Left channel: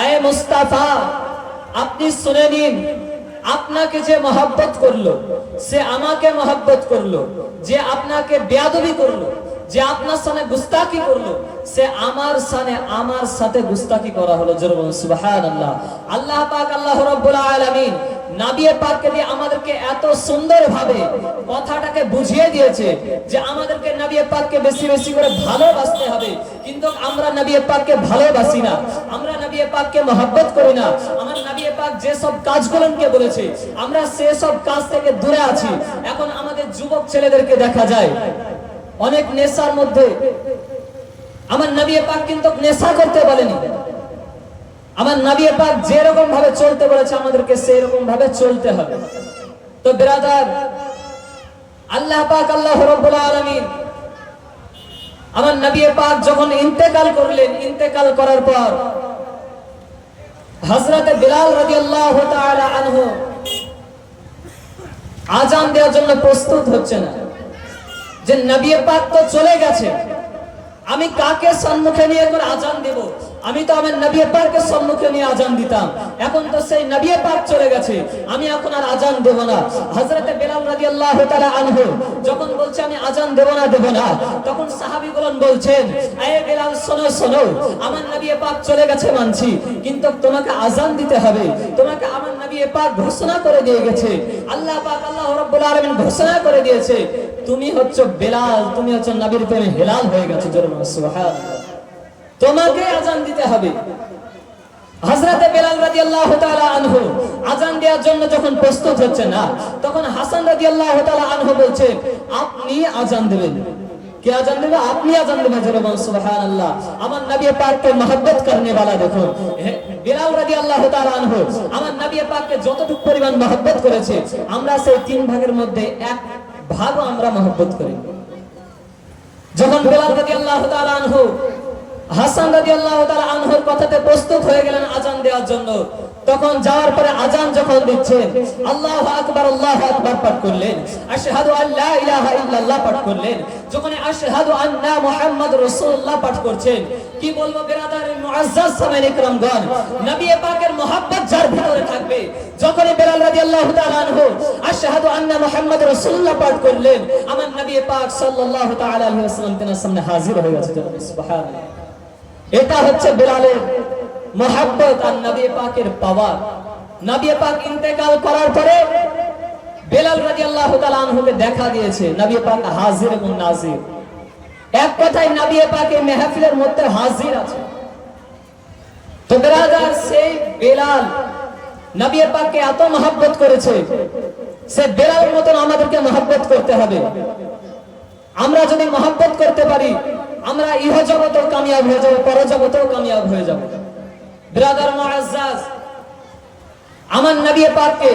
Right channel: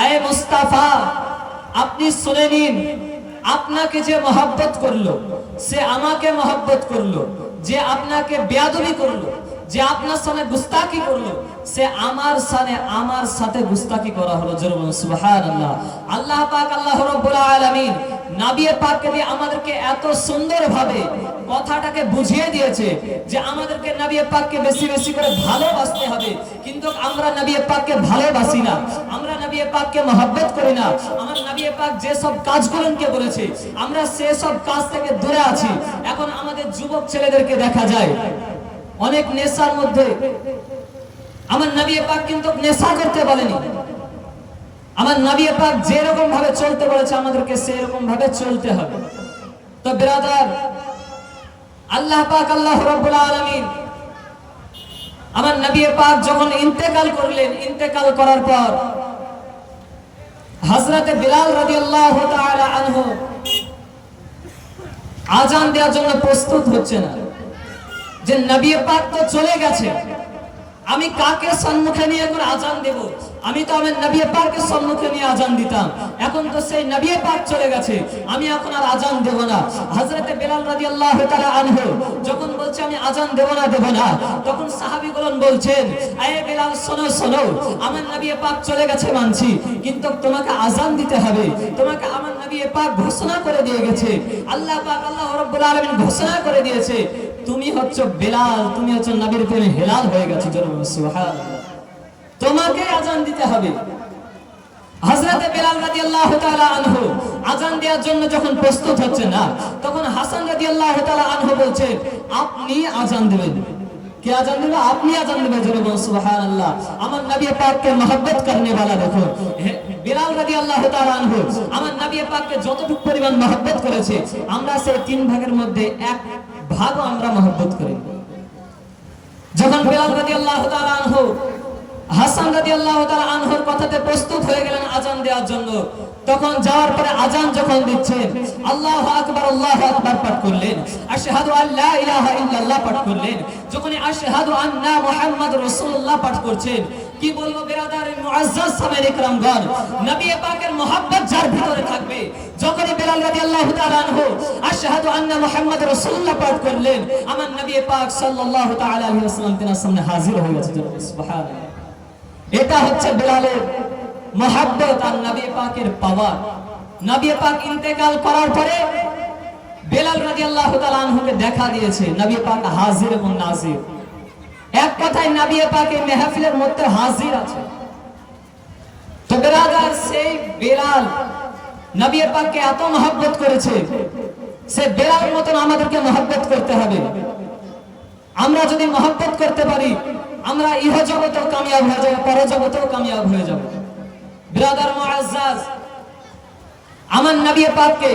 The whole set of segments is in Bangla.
আয় মুস্তাফা, আপনি শুনে নিন, আপনাকে যে মহব্বত করল, সে আমাকে মহব্বত করল, যে আপনাকে বেয়াদবি করল, যে আপনার সামনে গুস্তাকি করল, সে আমার সামনে, আমার সাথে গুস্তাকি করা হলো। জরুর সুবহানাল্লাহ। আল্লাহ পাক, আল্লাহ রাব্বুল আলামিন নাবিয়ে পাককে দিয়ে আমাদেরকে আমরা পাক বলেছে, আমরা সে সব কাজ থেকে দূরে আছি। এখন আমাদের যুবক ছেলেদেরকে দেখা যায়। অনেক নেশার মধ্যে। আমার নবী পাক কিন্তু নেশা করতে বলেনি আমার নবী পাক যেরকম ভাবে চলতে বলেছে, আমাদেরকে সেরকম ভাবে চলতে হবে। তো ব্রাদার, আল্লাহ পাক, আল্লাহ রাব্বুল আলামিন আমার নবী পাক যখন ইন্তেকাল করলেন, ইন্তেকাল করার পর হযরতে বিলাল রাদিয়াল্লাহু তাআলা আনহু আজান দেওয়ার জন্য প্রস্তুত হচ্ছে না। যে নবী পাক তো চলে গেছে, আমি কাকে সম্মুখে নিয়ে এখন আজান দেব? আমি তো আমার নবী পাককে সম্মুখে নিয়ে আজান দিতাম। এখন তো সেই নবী পাক চলে গেছে। আমি এখন আর আজান দেব না। হযরতে বেলাল রাদিয়াল্লাহু তাআলা আনহু যখন বলছে, আমি আজান দেব না দেব না, তখন সাহাবীগণ বলছেন আয়ে বেলাল, শোনো শোনো, আমার নবী পাক চলে গেছে মানছি, কিন্তু তোমাকে আজান দিতে হবে। তোমাকে আমার নবী পাক ঘোষণা করে দিয়ে গেছে। আল্লাহ পাক, আল্লাহ রাব্বুল আলামিন ঘোষণা করে দিয়েছে। তুমি হচ্ছে বেলাল, তুমি হচ্ছে নবীর প্রেমে হেলাল হয়ে গেছো জোরে সুবহানাল্লাহ। তোমাকে আজান দিতে হবে। হযরতে বেলাল রাদিয়াল্লাহু তাআলা আনহু আজান দেওয়ার জন্য যখন প্রস্তুত হচ্ছে না তখন হাসান রাদিয়াল্লাহু তাআলা আনহু বলছেন, আপনি আজান দিবেন। কে আজান দেবে? আপনি আজান দেবেন জোরে বলো সুবহানাল্লাহ। আমার নবী পাককে মহব্বত করনে वाला দেখো। বেলাল রাদিয়াল্লাহু তাআলা আনহু, আমার নবী পাককে যতটুকু পরিমাণ মহব্বত করেছে, আমরা সেই তিন ভাগের মধ্যে এক ভাগও আমরা মহব্বত করি। যখন বেলাল রাদিয়াল্লাহু তাআলা আনহু হাসান রাদিয়াল্লাহু তাআলা আনহুর কথাতে প্রস্তুত হয়ে গেলেন আজান দেওয়ার জন্য। তখন যাওয়ার পরে আজান যখন দিচ্ছেন, আল্লাহু আকবার আল্লাহু আকবার পাঠ করলেন। আশহাদু আল্লা ইলাহা ইল্লাল্লাহ পাঠ করলেন। যখন আশহাদু আন্না মুহাম্মাদুর রাসূলুল্লাহ পাঠ করছেন, কি বলব মুআজ্জাজ ইকরামগণ? নবী পাকের মোহাব্বত যার ভিতরে থাকবে। যখনই বেলাল রাদিয়াল্লাহু তাআলা আনহু আশহাদু আন্না মুহাম্মাদুর রাসূলুল্লাহ পাঠ করলেন, আমার নবী পাক সাল্লাল্লাহু তাআলা আলাইহি ওয়াসাল্লাম সামনে হাজির হয়ে গেছে সুবহানাল্লাহ। এটা হচ্ছে বেলালের মোহাব্বত আর নবী পাকের পাওয়ার। নবী পাক ইন্তেকাল করার পরে বেলাল রাদিয়াল্লাহু তাআলা আনহুকে দেখা দিয়েছে। নবী পাক হাজির এবং নাজির। এক কথায় নবী পাক এই মেহফিলের মধ্যে হাজির আছে। তো বেরাদার, সেই বেলাল নবী পাককে এত মহব্বত করেছে, সে বেলাল মতন আমাদেরকে মহব্বত করতে হবে। আমরা যদি মহব্বত করতে পারি আমরা ইহ জগতেও কামিয়াব হয়ে যাব পর জগতেও কামিয়াব হয়ে যাব। ব্রাদার মুআজ্জাজ আমার নবী পাককে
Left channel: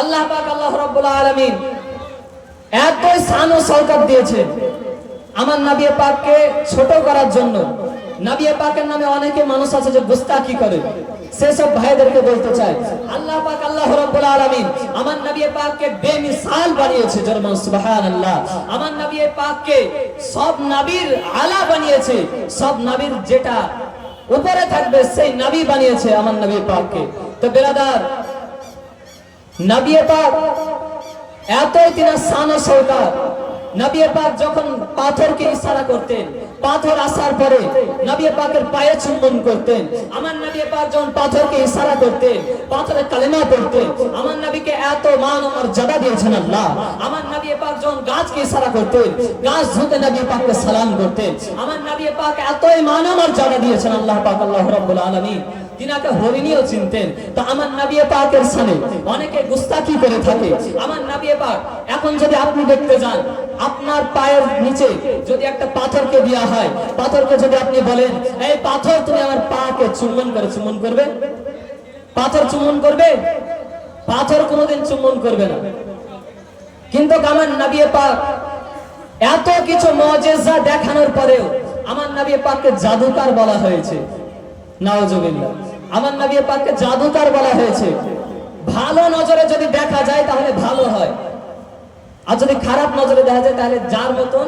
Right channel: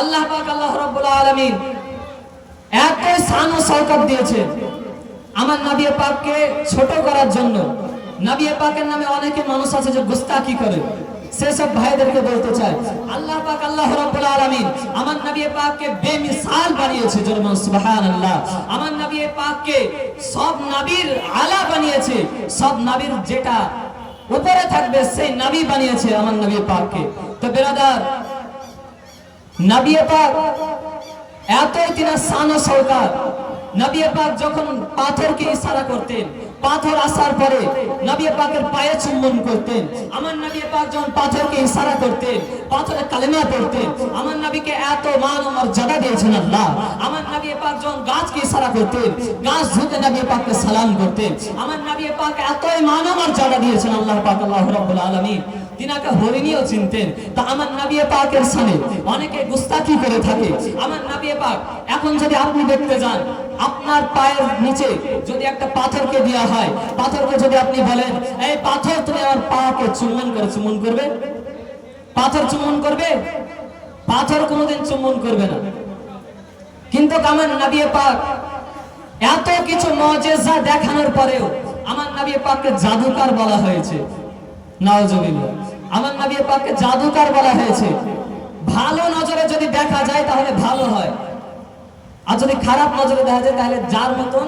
আল্লাহ পাক, আল্লাহ রাব্বুল আলামিন এত শান ও সৌকত দিয়েছেন। আমার নবী পাককে ছোট করার জন্য। নবী পাকের নামে অনেকে মানুষ আছে যে গুস্তাকি করে। সেসব ভাইদেরকে বলতে চাই। আল্লাহ পাক, আল্লাহ রাব্বুল আলামিন আমার নবী পাককে বেমিসাল বানিয়েছে জরমান সুবহানাল্লাহ। আমার নবী পাককে সব নবীর আলা বানিয়েছে, সব নবীর যেটা উপরে থাকবে সেই নবী বানিয়েছে আমার নবী পাককে। তো বেরাদার, নবী পাক এতই তিনার শান ও সৌকার নবী পাক যখন পাথরকে ইশারা করতেন পাথর আসার পরে নবী পাকের পায়ে চুম্বন করতেন। আমার নবী পাক যখন পাথরকে ইশারা করতেন পাথরে কালেমা পড়তেন, আমার নবীকে এত মান ও মর্যাদা দিয়েছেন আল্লাহ। আমার নবী পাক যখন গাছকে ইশারা করতেন, গাছ ঝুঁকে নবী পাককে সালাম করতেন, আমার নবী পাক এতই মান ও মর্যাদা দিয়েছেন আল্লাহ পাক, আল্লাহ রাব্বুল আলামিন। তিনাকে হরিণীও চিনতেন। তা আমার নবী পাকের সামনে অনেকে গুস্তাকি করে থাকে। আমার নবী পাক, এখন যদি আপনি দেখতে যান আপনার পায়ের নিচে যদি একটা পাথরকে দেওয়া হয়, পাথরকে যদি আপনি বলেন, এই পাথর, তুমি আমার পাকে চুম্বন করে চুম্বন করবে? পাথর চুম্বন করবে? পাথর কোনোদিন চুম্বন করবে না। কিন্তু আমার নবী পাক এত কিছু মজেজা দেখানোর পরেও আমার নবী পাককে জাদুকার বলা হয়েছে। নাওজুবিল্লাহ আমার নবী পাককে জাদুকার বলা হয়েছে। ভালো নজরে যদি দেখা যায়, তাহলে ভালো হয়। আর যদি খারাপ নজরে দেখা যায় তাহলে যার মতন,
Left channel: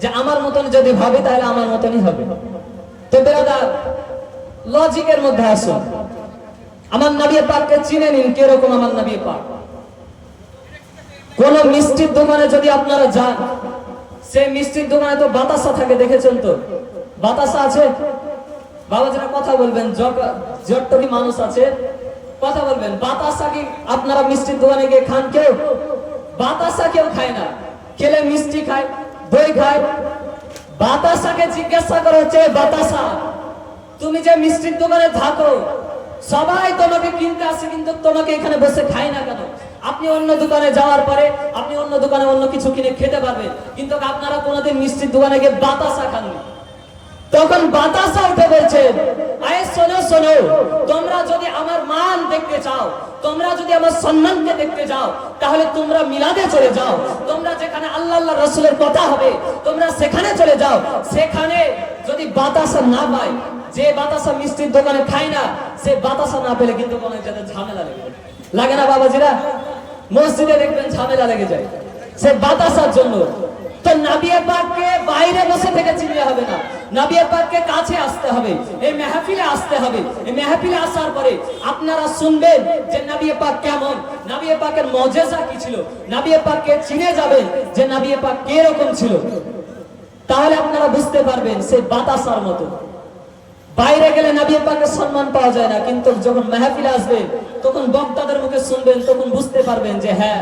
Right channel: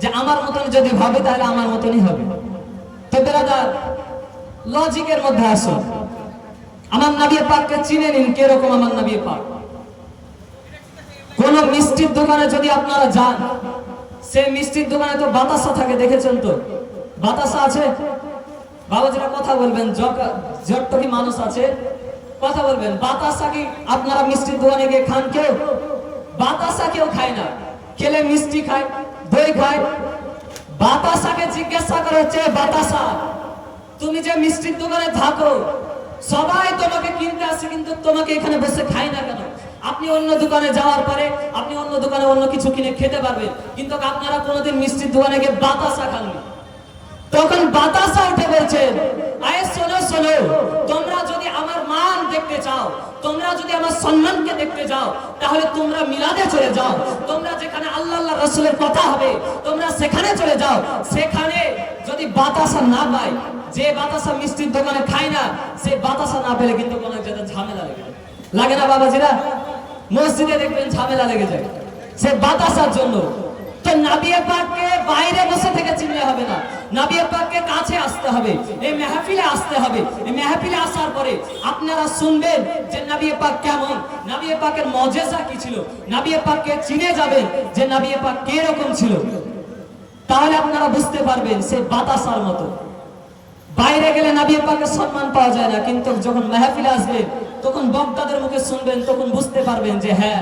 যে আমার মতন যদি ভাবে তাহলে আমার মতনই হবে। তো বেরাদার লজিকের মধ্যে আসুন। আমার নবী পাককে চিনে নিন, কীরকম আমার নবী পাক। কোন মিষ্টির দোকানে যদি আপনারা যান, সেই মিষ্টির দোকানে তো বাতাসা থাকে, দেখেছেন তো? বাতাসা আছে? বাবাজিরা কথা বলবেন জট্টকি মানুষ আছে, কথা বলবেন। বাতাসা কি আপনারা মিষ্টির দোকানে গিয়ে খান কেউ? বাতাসা কেউ খায় না। খেলে মিষ্টি খায়, দই খায়। বাতাসাকে জিজ্ঞাসা করে হচ্ছে, বাতাসা, তুমি যে মিষ্টির দোকানে থাকো, সবাই তোমাকে কিনতে আসে, কিন্তু তোমাকে এখানে বসে খায় না কেন? আপনি অন্য দোকানে যাওয়ার পরে, আপনি অন্য দোকানে অন্য কিছু কিনে খেতে পারবেন, কিন্তু আপনারা কোনোদিন মিষ্টির দোকানে গিয়ে বাতাসা খাননি। তখন বাতাসা উঠে বলছে আয় শোনো শোনো, তোমরা দেখতে চাও, তোমরা যদি আমার সম্মানকে দেখতে যাও, তাহলে তোমরা মিলাদে চলে যাও। তোমরা যেখানে আল্লাহ আল্লাহ রসুলের কথা হবে, তোমরা সেখানে চলে যাও। সেখানে যদি বাতাসা না পায়, যে বাতাসা মিষ্টির দোকানে খায় না, সে বাতাসা না পেলে কিন্তু কোনো জায়গায় ঝামেলা লেগে। লাগে না বাবাজিরা? মসজিদে দেখবেন ঝামেলা লেগে যায়। সে বাতাসার জন্য তো নাবিয়া পাককে বাইরে বসে থেকে চিনলে হবে না। নাবিয়া পাককে কাছে আসতে হবে, এই মেহফিলে আসতে হবে। এই মেহফিলে আসার পরে আপনারা শুনবেন যে নাবিয়া পাক কেমন। নাবিয়া পাকের মজেজা কি ছিল? নাবিয়া পাককে চিনে যাবেন যে নাবিয়া পাক কে রকম ছিল। তাহলে আপনারা বুঝতে পারবেন সে বাতাসার মতো। বাইরে গেলে নাবিয়া পাকের সম্মান পাওয়া যায় না, কিন্তু যখন মেহফিলে আসবেন তখন বক্তাদের মুখে শুনবেন, তখন বুঝতে পারবেন যে হ্যাঁ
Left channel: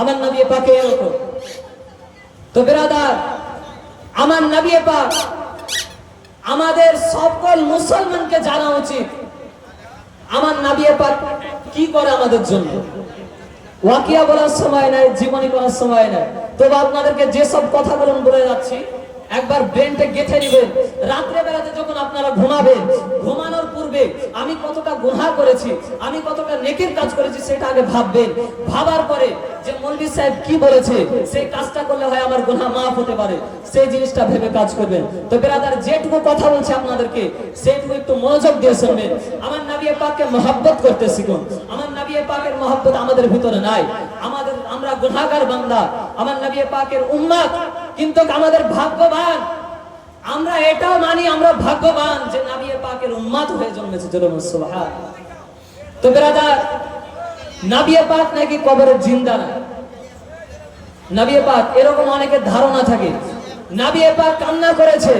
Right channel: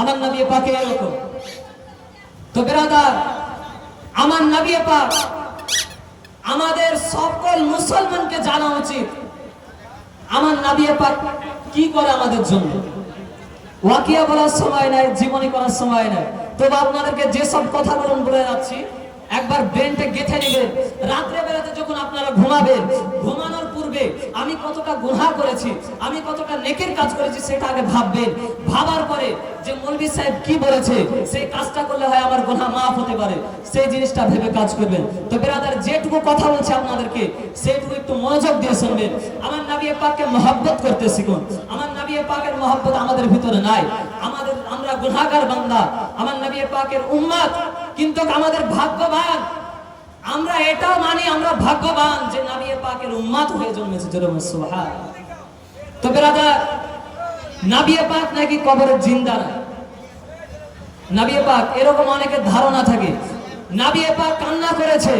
আমার নাবিয়া পাকে এরকম। তো বেরাদার, আমার নবী পাক আমাদের সকল মুসলমানকে জানা উচিত। আমার নবী পাক কি করে আমাদের জন্য? ওয়াকিয়া বলার সময় নাই, জীবনী করার সময় নাই। তবে আপনাদেরকে যেসব কথা বলুন বলে যাচ্ছি একবার ব্রেনটা গেঁথে নেবেন রাত্রে বেলাতে যখন আপনারা ঘুমাবেন, ঘুমানোর পূর্বে আমি কতটা গুহা করেছি, আমি কতটা নেকের কাজ করেছি সেটা আগে ভাববেন। ভাবার পরে যে মৌলভী সাহেব কি বলেছে, সেই কাজটা করলে হয় আমার গুনাহ মাফ হতে পারে। সেই জিনিসটা ভেবে কাজ করবেন। তো বেরাদার যেটুকু কথা বলছে আপনাদেরকে, সেইটুকু একটু মনোযোগ দিয়ে শুনবেন। আমার নবী পাককে মহব্বত করতে শিখুন। আমার নবী পাকের মহব্বত আমাদের ভিতরে নাই। আমাদের, আমরা গুনাহগার বান্দা। আমার নবী পাকের উম্মত কিন্তু আমাদের ভাগ্যবান। আমরা এটাও মানি, আমরা ভাগ্যবান যে নাবিয়ে পাকের উম্মাদ হয়ে জন্মেছে সুবহান তো বেরাদার নাবিয়ে পাক নাকি কবরের জিন্দা না? নাবিয়ে পাক, এরকম অনেকের ধারণা থাকে। নাবিয়ে পাক কান্না করেছে।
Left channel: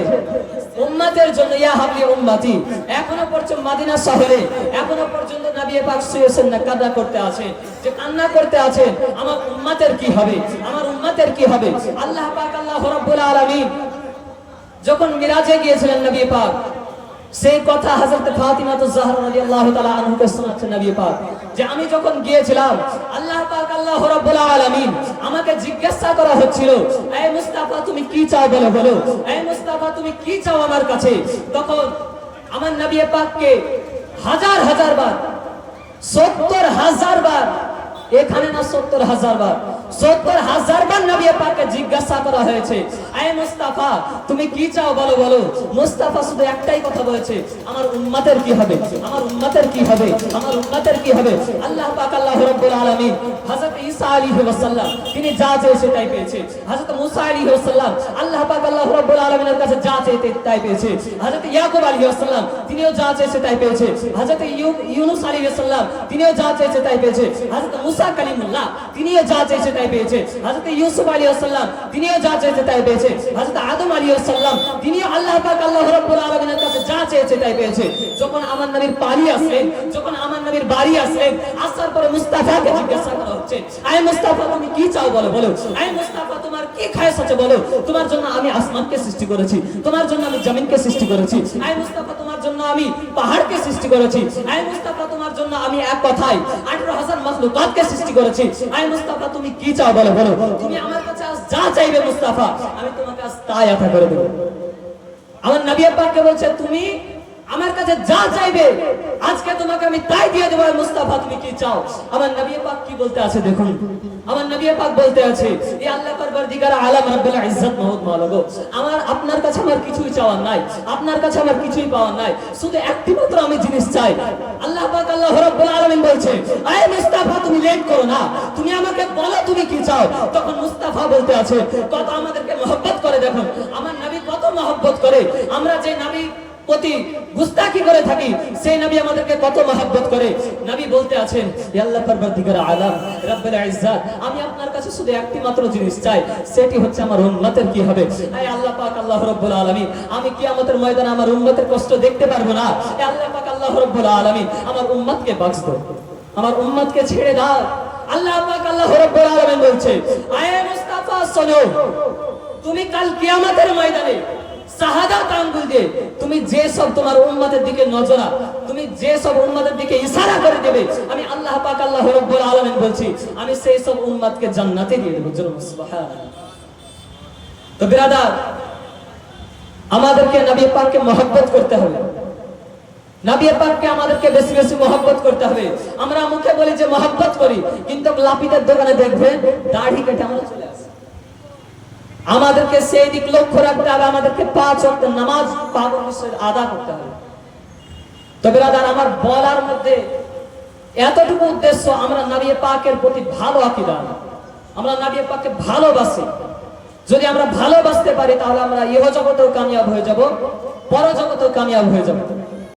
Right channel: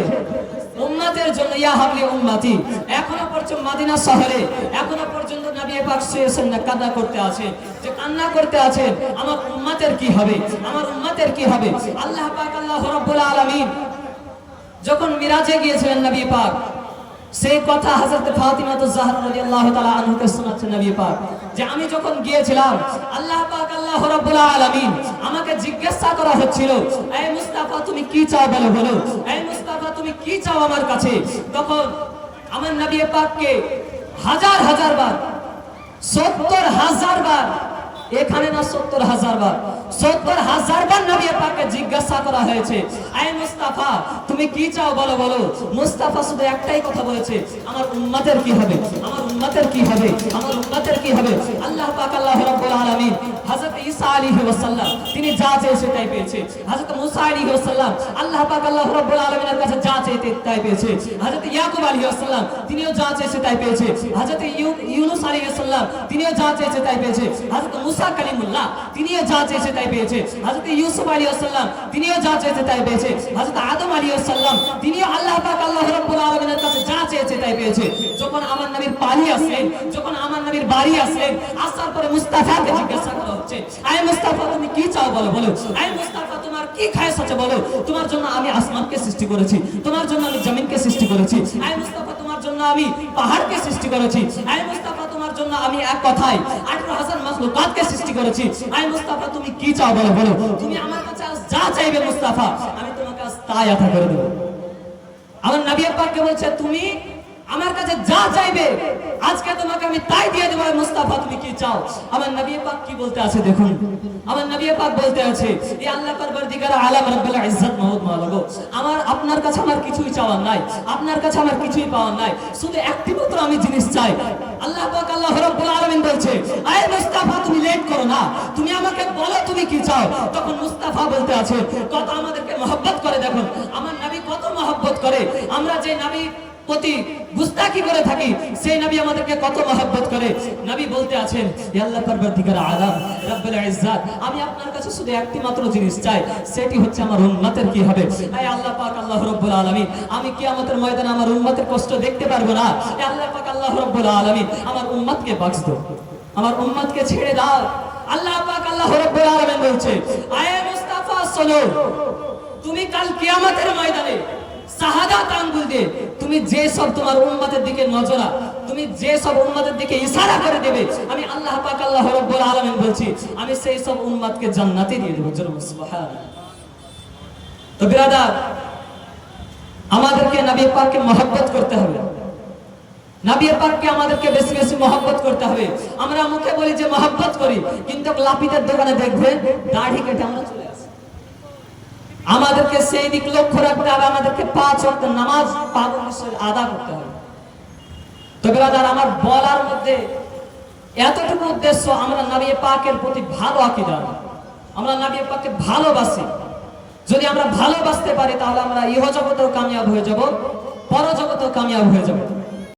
উম্মতের জন্য ইয়া হাবলি উম্মাতি। এখনও পর্যন্ত মদিনা শহরে, এখনও পর্যন্ত নবী পাক শুয়েছেন না কান্না করতে আছে। যে কান্না করতে আছে, আমার উম্মাতের কি হবে? আমার উম্মাতের কি হবে? আল্লাহ পাক, আল্লাহ রাব্বুল আলামিন যখন মিরাজে গিয়েছিলেন নবী পাক সেই কথা হযরত ফাতিমা তো জাহরা রাদিয়াল্লাহু তাআলা আনহুকে শোনাচ্ছেন নবী পাক, যে আমি যখন গিয়েছিলাম, আল্লাহ পাক, আল্লাহ রাব্বুল আলামিন আমাকে জিজ্ঞাসা করা হচ্ছিল এই মুস্তাফা, তুমি কি চাও বলো বলো। এই মুস্তাফা, তুমি কি চাও আমার কাছে? তখন আমার নবী পাককে হাজার হাজার বার, সত্তর, হাজার বার এখানে না সত্তর হাজার বার। সত্তর হাজার বার নবী পাককে জিজ্ঞাসা করা হয়েছে, আয় মুস্তাফা, তুমি কি চাও? বলো বলো। মুস্তাফা শুধু একটাই কথা বলেছে, আমার উম্মতের কি হবে? আমার উম্মতের কি হবে? আমার উম্মতের কি হবে? আল্লাহ পাক, আল্লাহ রাব্বুল আলামিন হযরত ঈসা আলাইহিস সালাম তিনি যা চেয়ে সেটাই পেয়েছে। হযরত মুসা আলাইহিস সালাম আল্লাহ পাক, আল্লাহ রাব্বুল আলামিনের কাছে যা চেয়েছে তাই পেয়েছে। হযরত ইয়াকুব আলাইহিস সালাম তিনিও যা চেয়েছে তাই পেয়েছে। হযরত ইউনূস আলাইহিস সালাম তিনিও যা চেয়েছে তাই পেয়েছে। হযরত মুসা কালিমুল্লাহ তিনিও যা তাই পেয়েছে। ইউসুফ তিনিও যা তাই পেয়েছে। আদম তিনিও আল্লাহ পাক, আল্লাহ কাছে যা তাই পেয়েছে। যখন আমার নবীর পানি যখন আমার নবীর বাড়ি আসার পরে জিজ্ঞাসা করা হচ্ছে, আয় মুস্তাফা, তুমি কি চাও বলো বলো। আয় মুস্তাফা, তোমার কি খায়স আছে বলো। তোমার জন্য আমি আসমানকে সৃষ্টি করেছি, তোমার জন্য আমি জমিনকে সৃষ্টি করেছি। আয় মুস্তাফা, তোমার জন্য আমি পাহাড়কে সৃষ্টি করেছি। আয় মুস্তাফা আমি এক কথায় আঠারো হাজার মাখলুকাতকে সৃষ্টি করেছি। আয় মুস্তাফা, তুমি কি চাও বলো বলো। তুমি আমার কাছে যা চাইবে মুস্তাফা, আমি তোমার কাছে তাই আশা করে দেবো। আমার নবী পাককে বলছে, তুমি আমার কাছে যা চাইবে আজকে তোমাকে আমি তাই দিয়ে দেবো মুস্তাফা, তুমি কি চাও? আমার নবী পাক কি বলতে আছে দেখুন। আমার নবী পাক বলতে আছে এই আল্লাহ পরবর্তীকার আলাম রাব্বুল ইজ্জত মহৎ মালাগো আমার, আপনার কাছে আমার কিছুই চাওয়ার নাই, আপনার কাছে আমার কিছুই পাওয়ার নাই, শুধু একটি মাত্র আমি জিনিস চাই। আল্লাহ পাক, আল্লাহ রাব্বুল আলামিন বলছে, আয় মুস্তাফা, তুমি লেট করো না, তুমি আমাকে বলো তুমি কি চাও? তখন মুস্তাফা বলতে আছে, কত আমাদেরকে মহব্বত করে দেখুন, আমার নবী কত মহব্বত করে, আমরা যে নবী প্রতি গুস্তাকি করে থাকি, সেই নবী আমাদেরকে কত মহব্বত করে। নবী বলতে আছেন, "হে আল্লাহ পরবর্তীকার আলাম, রব্বুল ইজ্জাত, আমি আপনার কাছে শুধু একটি মাত্র জিনিস চাই, সেটি হচ্ছে আমার উম্মতের কি হবে? আয় আল্লাহ পাক, আল্লাহ রাব্বুল আলামিন, আমি কিয়ামতের ময়দানে আমার উম্মতের কষ্ট দেখতে পারব না। আল্লাহ পাক, আল্লাহ রাব্বুল আলামিন, আমার উম্মতকে বক্স দাও আমার উম্মতকে ছেড়ে দাও আল্লাহ পাক, আল্লাহ রাব্বুল আলামিন বলছে, আয় মুস্তাফা, শোনো, তুমি কাল কিয়ামতের ময়দানে শাহাদাত আঙ্গুল দিয়ে তুমি যে সব তোমার উম্মতের দিকে নজরা তুমি যে সব উম্মতের দিকে ইশারা করে দেবে, আমি আল্লাহ পাক আল্লাহ রাব্বুল আলামিন বলছি, আমি সেই সব উম্মতকে জান্নাতে দিয়ে দেব সুবহানাল্লাহ। তো বিরাদার, আমাদেরকে নবী পাককে মহব্বত করতে হবে। নবী পাককে আমাদেরকে বেশি বেশি মহব্বত করতে হবে। আমরা মুখে বলি যে মহব্বত করি, কিন্তু লাপিতের দোকানে দেখবেন দাড়ি কেটে আমরা আমাদেরকে সেই দিক লক্ষ্য রাখতে হবে, আমাদেরকে পাঁচ ওয়াক্ত নামাজ পাবন আদা করতে হবে। তবে দাদা আমার বলার মধ্যে এতটুকু উদ্দেশ্য, আমরা নবী পাকের প্রতি ভালো আকিদা আমরা নবী পাককে ভালোবাসি। যদি আমরা ভালোবাসতে পারি, তাহলে আমরা ইহ জগতেও কামিয়াব হয়ে যাব পর জগতেও কামিয়াব হয়ে যাব।